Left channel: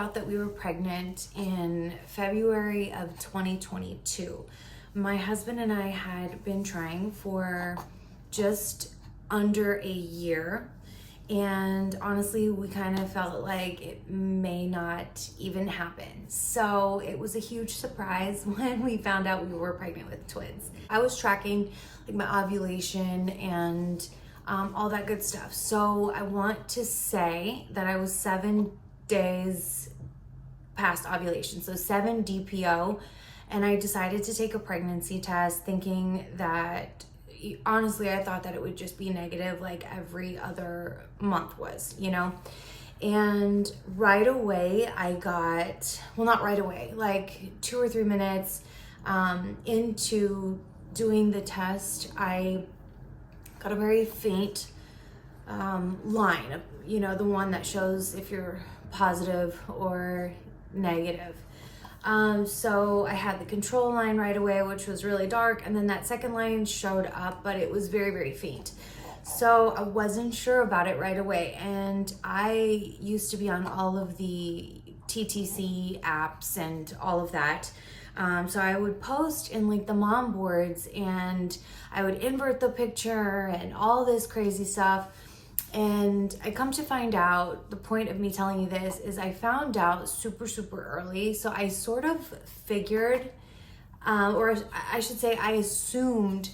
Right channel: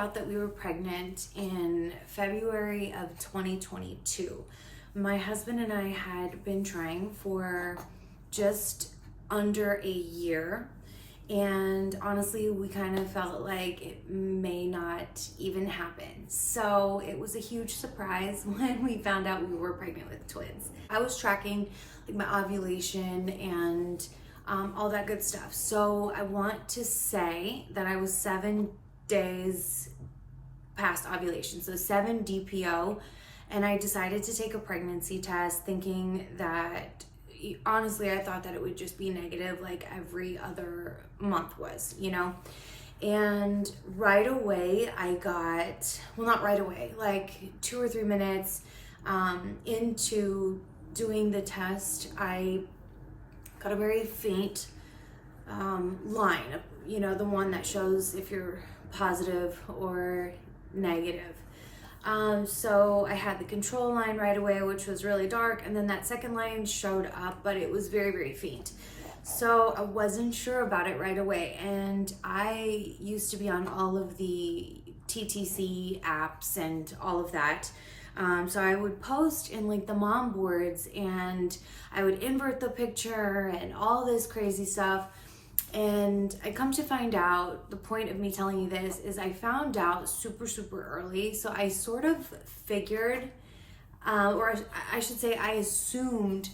out that we were pregnant in February of 2022. My husband and I had been trying for just under a year. And honestly, we kind of felt like it may not even happen. So it was a huge surprise when we found out we were pregnant with twins. I was tracking like my ovulation and all that good stuff. So I want to say that I was 7 days past ovulation, so 7 DPO, and I decided to take a pregnancy test thinking that, honestly, I thought that it would just be negative like every other month was, you know? And right away I got, well, not right away, like 2 or 3 minutes into doing the test, I got a very faint line, you know, the one that shows if you're positive or negative. So I had the control line right away, which was really dark, and then that second line showed up, but it was very, very faint. So I wasn't sure about it right away, and I used to be on all of the TTC apps and all of that. So I would post in like the mom boards, and I would invert the picture and all this crazy stuff. And I come to find out, the point of me telling you this is I found out super, super early. So I sort of figured, or I should say I assumed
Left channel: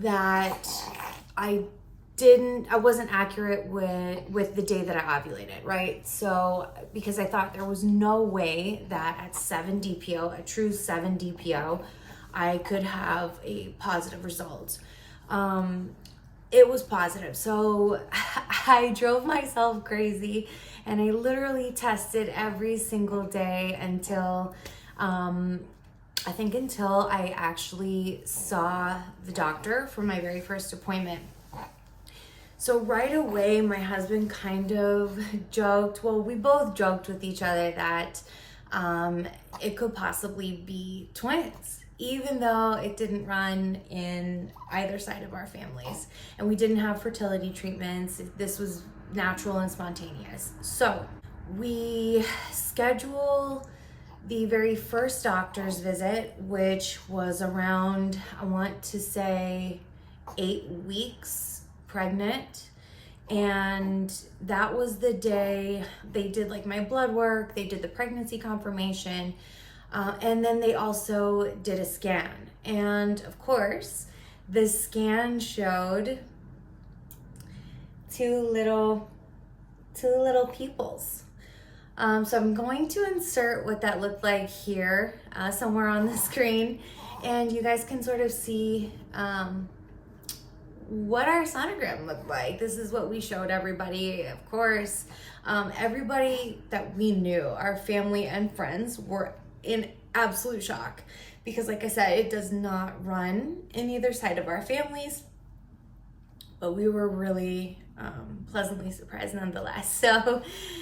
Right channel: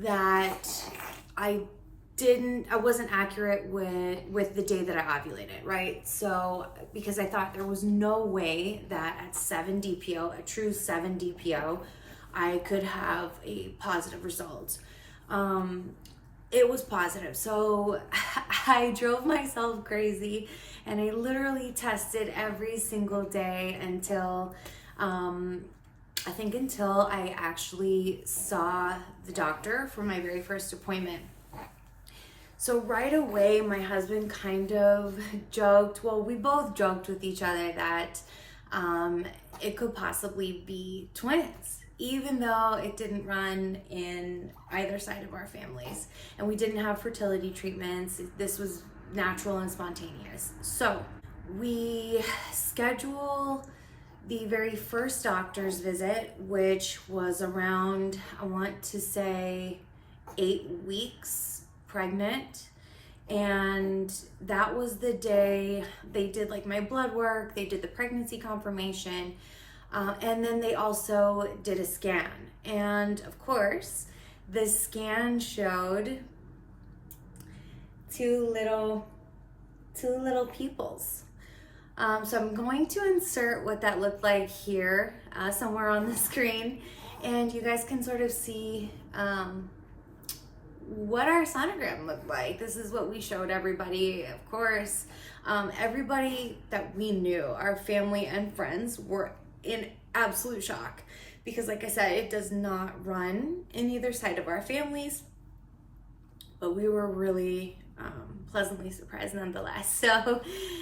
that I wasn't accurate with the day that I ovulated, right? So, because I thought there was no way that at 7 DPO, a true 7 DPO, I could have a positive result. It was positive. So I drove myself crazy, and I literally tested every single day until, I think until I actually saw the doctor for my very first appointment. So right away, my husband kind of joked, well, we both joked with each other that it could possibly be twins, even though it didn't run in either side of our families. And we didn't have fertility treatments. This was natural and spontaneous. So we schedule the very first doctor's visit, which was around, I want to say, 8 weeks pregnant. And that was the day they did like my blood work, they did the pregnancy confirmation, and then they also did a scan. And of course, the scan showed two little peoples. So I'm going to insert what that looked like here, somewhere on the screen, and you guys can sort of see what our sonogram looked like. This is what we showed everybody. Of course, everybody that we knew, our family and friends, were in absolute shock because, like I said, it does not run in either side of our families, but we were really pleasantly surprised nonetheless.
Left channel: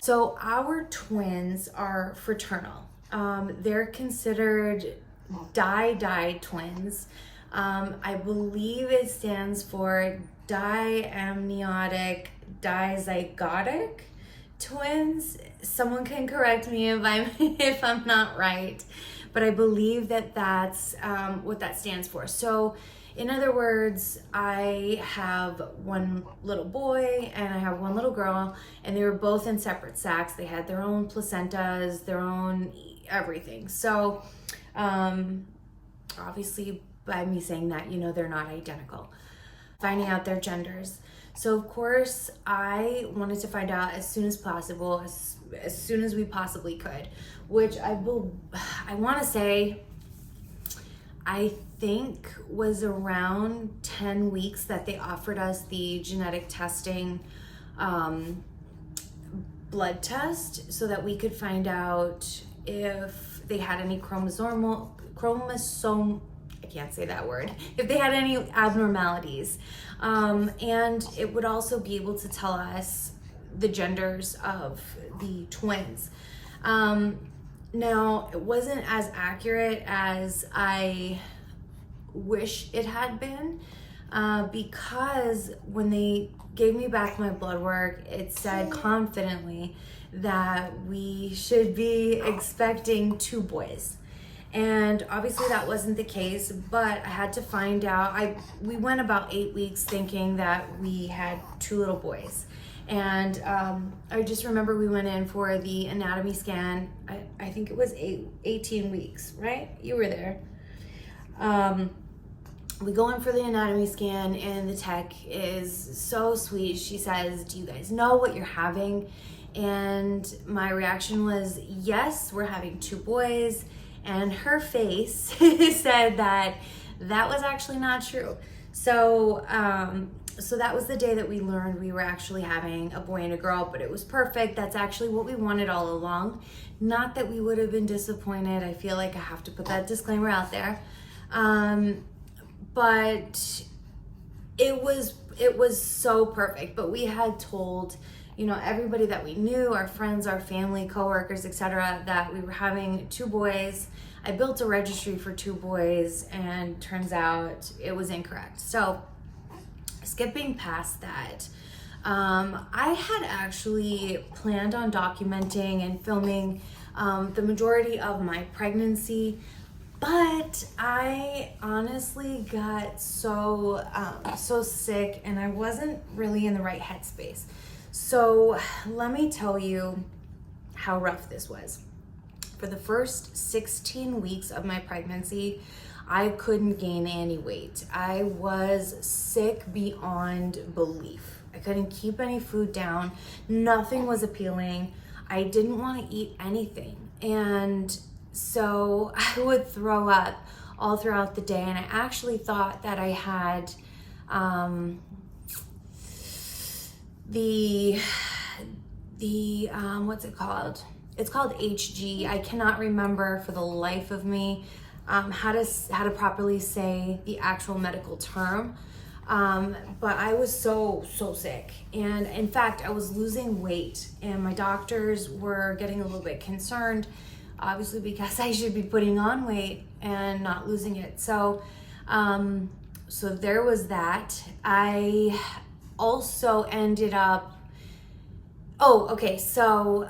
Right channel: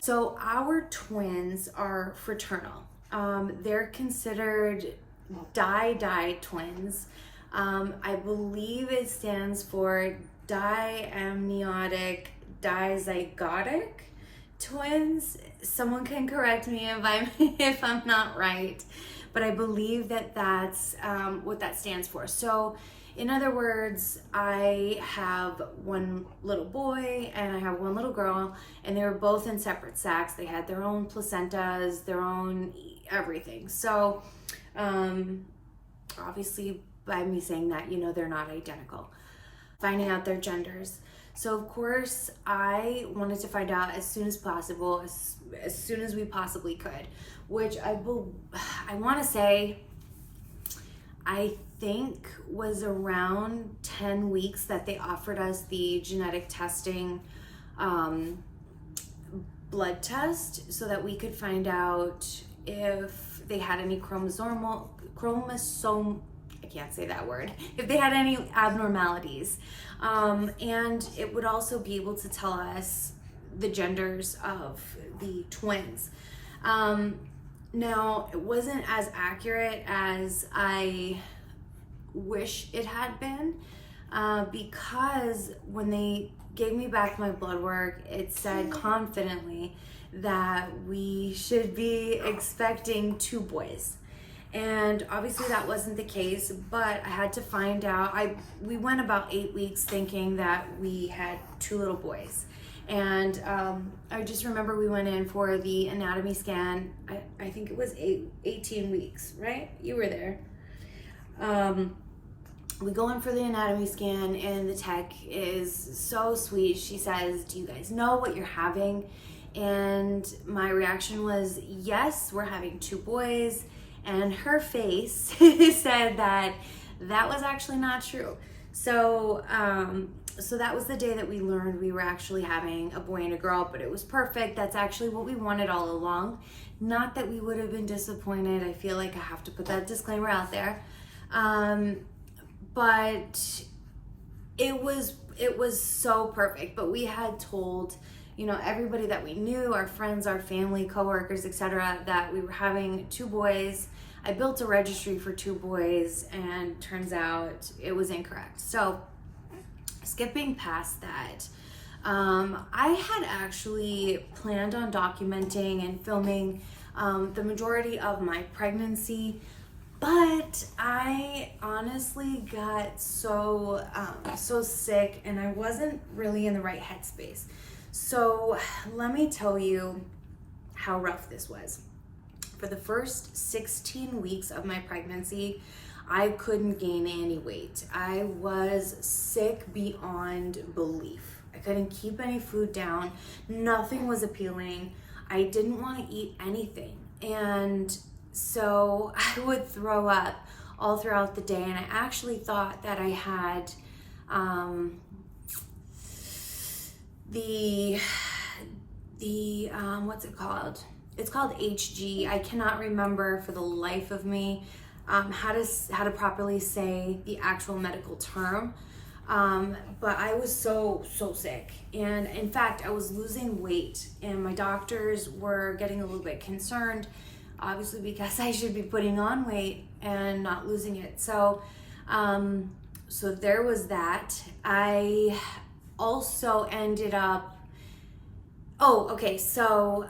So our twins are fraternal. They're considered di twins. I believe it stands for diamniotic dizygotic twins. Someone can correct me if I'm not right, but I believe that that's what that stands for. So in other words, I have one little boy and I have one little girl, and they were both in separate sacs. They had their own placentas, their own everything. So obviously, by me saying that, you know, they're not identical. Finding out their genders. So of course, I wanted to find out as soon as possible, as soon as we possibly could, which I want to say, I think was around 10 weeks that they offered us the genetic testing blood test so that we could find out if they had any I can't say that word, if they had any abnormalities. And it would also be able to tell us the genders of the twins. Now, it wasn't as accurate as I wish it had been, because when they gave me back my blood work. It said confidently that we should be expecting 2 boys. And obviously that wasn't the case, but I had to find out. We went about 8 weeks thinking that we had 2 little boys. And I just remember we went in for the anatomy scan. I think it was 18 weeks, right? You were there. We go in for the anatomy scan, and the tech is so sweet. She says, "Do you guys know what you're having?" And my reaction was, "Yes, we're having 2 boys." And her face said that was actually not true. So that was the day that we learned we were actually having a boy and a girl, but it was perfect. That's actually what we wanted all along. Not that we would have been disappointed. I feel like I have to put that disclaimer out there. But it was so perfect. But we had told, everybody that we knew, our friends, our family, coworkers, etc., that we were having 2 boys. I built a registry for 2 boys, and turns out it was incorrect. So skipping past that, I had actually planned on documenting and filming the majority of my pregnancy, but I honestly got so sick, and I wasn't really in the right headspace. So let me tell you how rough this was. For the first 16 weeks of my pregnancy, I couldn't gain any weight. I was sick beyond belief. I couldn't keep any food down. Nothing was appealing. I didn't want to eat anything. And so I would throw up all throughout the day. And I actually thought that I had what's it called? It's called HG. I cannot remember for the life of me how to properly say the actual medical term. But I was so sick. And in fact, I was losing weight, and my doctors were getting a little bit concerned, obviously, because I should be putting on weight and not losing it. So there was that. I also ended up, so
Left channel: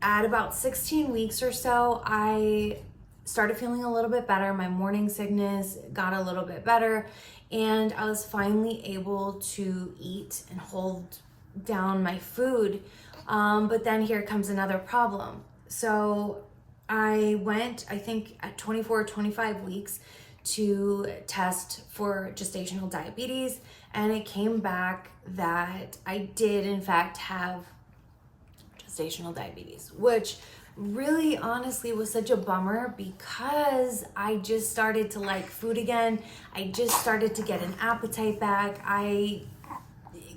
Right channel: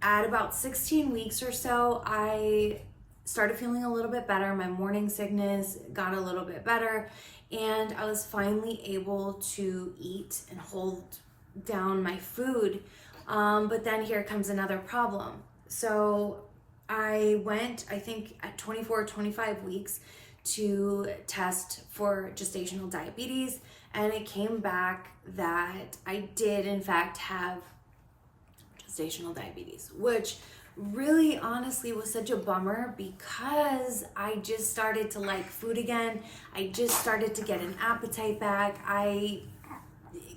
at about 16 weeks or so, I started feeling a little bit better. My morning sickness got a little bit better, and I was finally able to eat and hold down my food. But then here comes another problem. So I went, I think at 24 or 25 weeks, to test for gestational diabetes, and it came back that I did in fact have gestational diabetes, which really honestly was such a bummer, because I just started to like food again. I just started to get an appetite back. I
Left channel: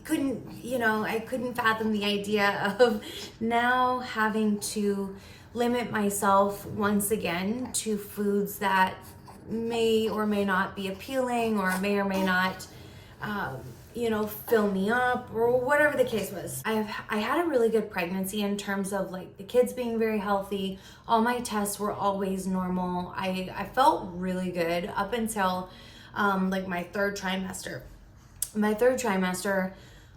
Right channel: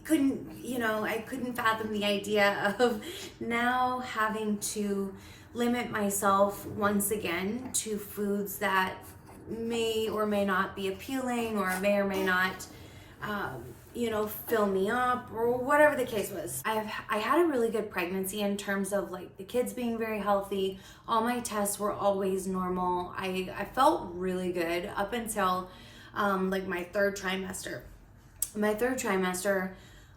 couldn't fathom the idea of now having to limit myself once again to foods that may or may not be appealing, or may not fill me up, or whatever the case was. I had a really good pregnancy in terms of like the kids being very healthy. All my tests were always normal. I felt really good up until like my 3rd trimester. My 3rd trimester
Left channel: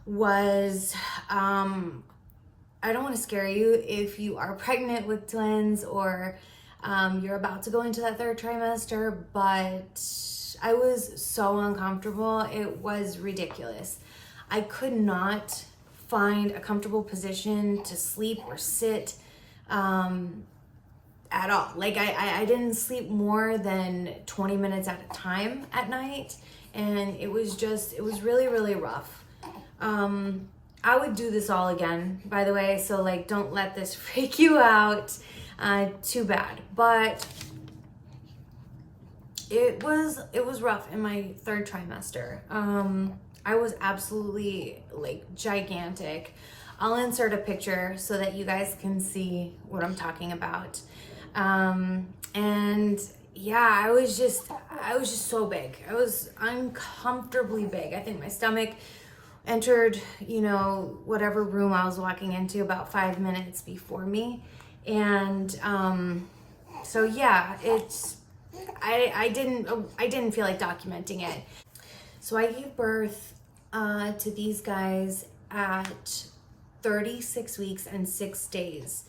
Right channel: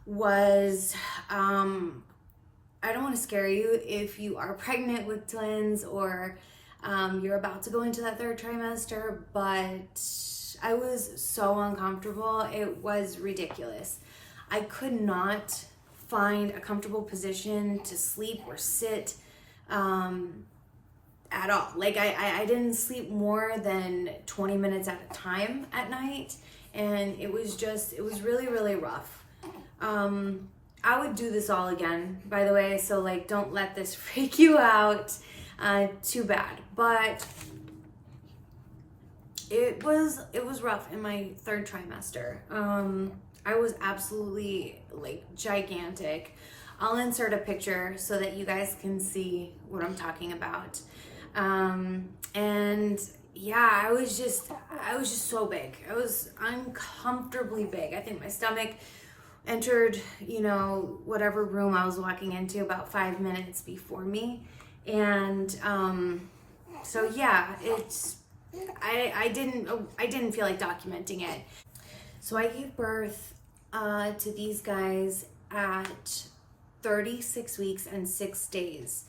was, I don't want to scare you if you are pregnant with twins, or you're about to go into that 3rd trimester, but I was so uncomfortable. It was ridiculous. I could not find a comfortable position to sleep or sit at all. Like I didn't sleep more than 20 minutes at a time at night, and it was really, really rough. I would do this all again, by the way, so like don't let this freak you out too bad. But it was rough in my 3rd trimester. I was absolutely like gigantic. I'll insert a picture so that you guys can see what I'm talking about. And yeah, I was just so big. I was uncomfortably big. I think my stomach entered, whatever room I was walking into about 5 minutes before me. And so yeah, I didn't feel like documenting it. So I gave birth to these guys at 36 weeks and 6 days.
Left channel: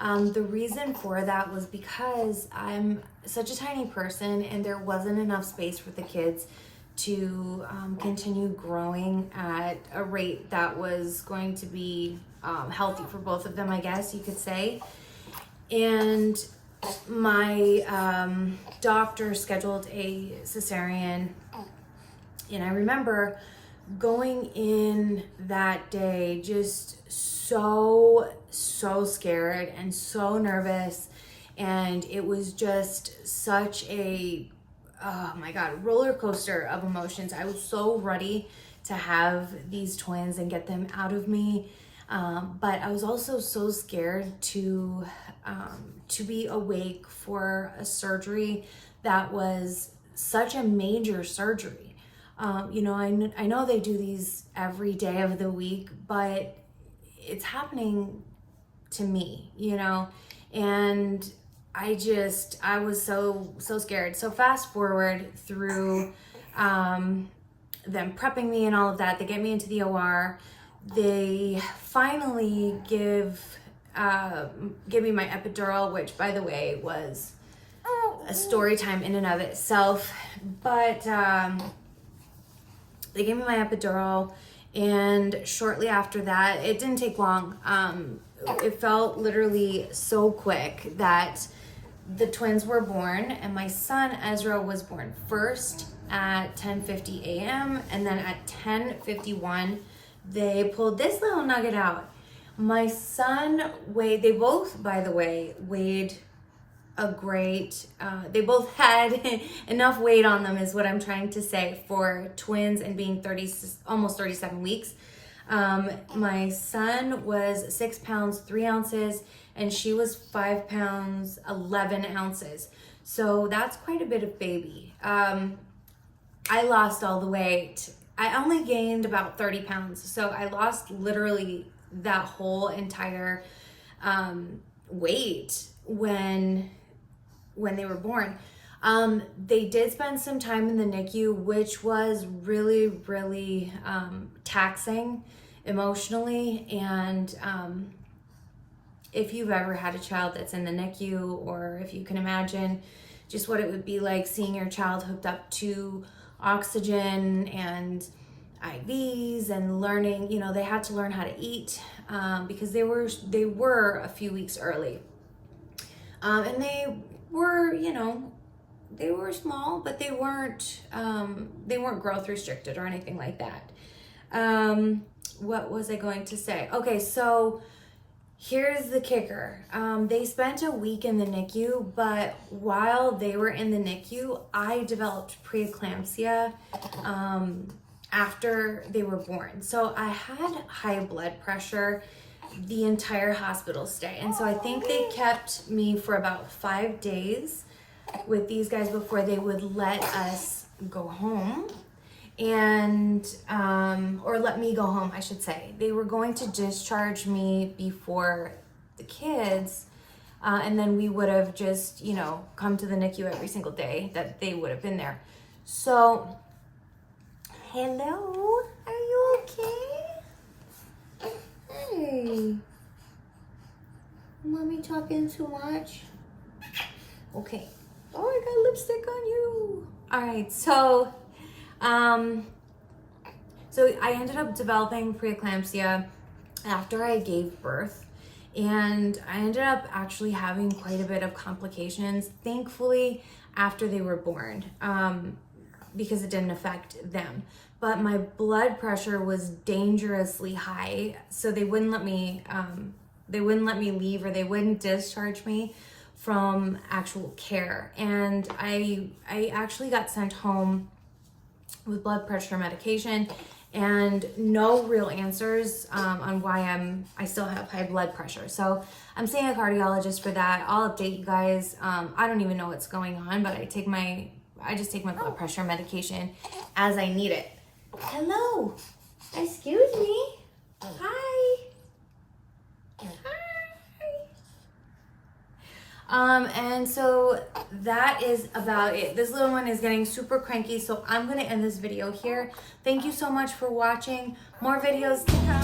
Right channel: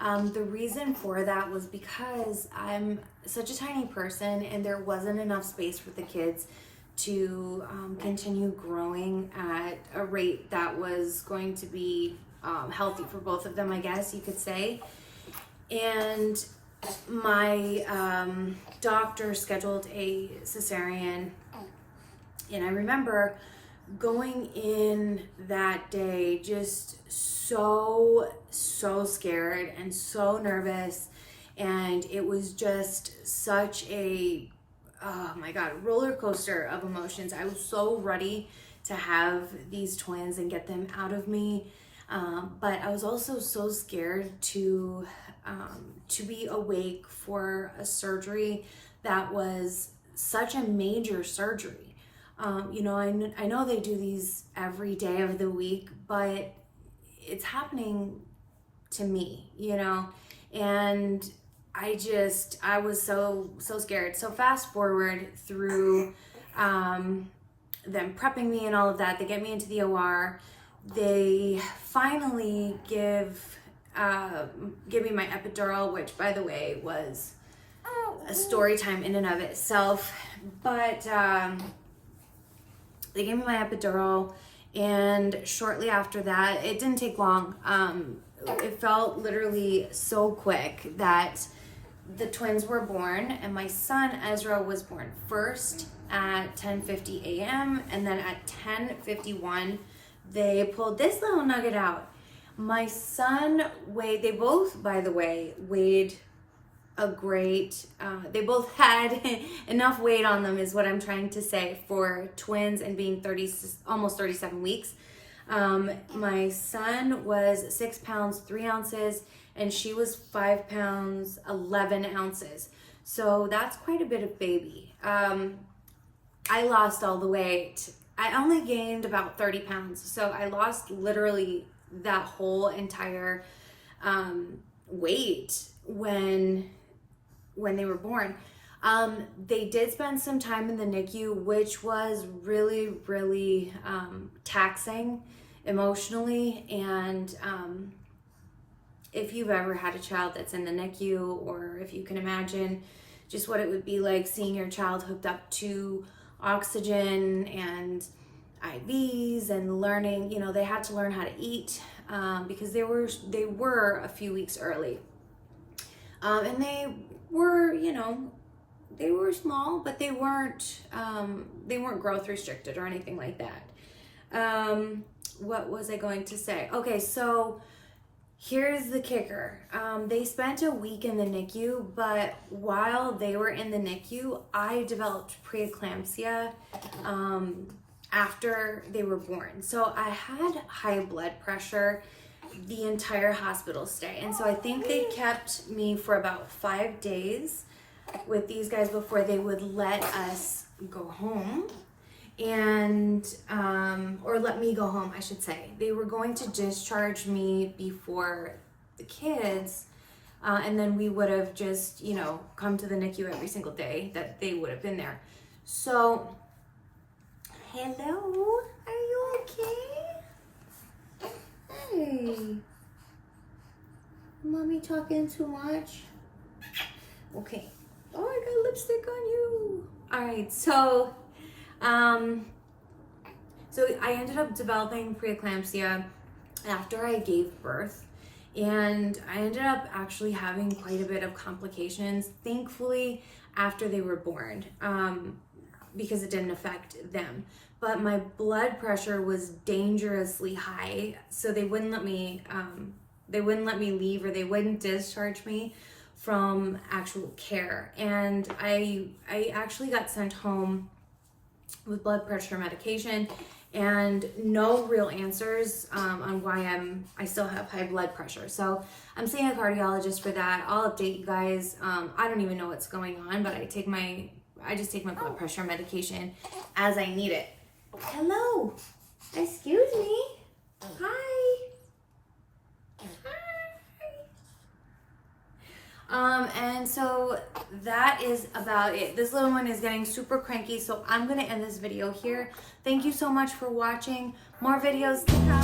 The reason for that was because I'm such a tiny person and there wasn't enough space for the kids to continue growing at a rate that was going to be healthy for both of them, I guess you could say. And my doctor scheduled a cesarean, and I remember going in that day just so scared and so nervous, and it was just such a, oh my God, roller coaster of emotions. I was so ready to have these twins and get them out of me, but I was also so scared to be awake for a surgery that was such a major surgery. You know, I know they do these every day of the week, but it's happening to me, you know, and I was so scared. So fast forward through them prepping me and all of that, they get me into the OR. They finally give me my epidural, which, by the way, was a story time in and of itself. But they gave me my epidural, and shortly after that, it didn't take long. It felt literally so quick that the twins were born, and my son Ezra was born first at 10:50 a.m. and then at 10:51 they pulled this little nugget out. My son weighed, they both, by the way, weighed a great, they both had enough weight on them, is what I'm trying to say, for twins and being almost 37 weeks. My son was 6 pounds 3 ounces, and she was 5 pounds 11 ounces. So that's quite a bit of baby. I lost all the weight. I only gained about 30 pounds. So I lost literally that whole entire weight when they were born. They did spend some time in the NICU, which was really taxing emotionally. And if you've ever had a child that's in the NICU, or if you can imagine just what it would be like seeing your child hooked up to oxygen and IVs and learning, you know, they had to learn how to eat because they were a few weeks early. And they were, you know, they were small, but they weren't growth restricted or anything like that. What was I going to say? Okay, so here's the kicker. They spent a week in the NICU, but while they were in the NICU, I developed preeclampsia after they were born. So I had high blood pressure the entire hospital stay. And so I think they kept me for about 5 days with these guys before they would let us go home. And or let me go home, I should say. They were going to discharge me before the kids, and then we would have just, you know, come to the NICU every single day that they would have been there. So, hello, are you okay? Hey, mommy talking too much? Okay. Oh, I got lipstick on you. All right, so I ended up developing preeclampsia after I gave birth, and I ended up actually having quite a bit of complications, thankfully, after they were born, because it didn't affect them. But my blood pressure was dangerously high, so they wouldn't let me leave, or they wouldn't discharge me from actual care. And I actually got sent home with blood pressure medication and no real answers on why I still have high blood pressure. So I'm seeing a cardiologist for that. I'll update you guys. I don't even know what's going on, but I just take my blood pressure medication as I need it. Hello, excuse me. Hi. And so that is about it. This little one is getting super cranky, so I'm gonna end this video here. Thank you so much for watching. More videos to come.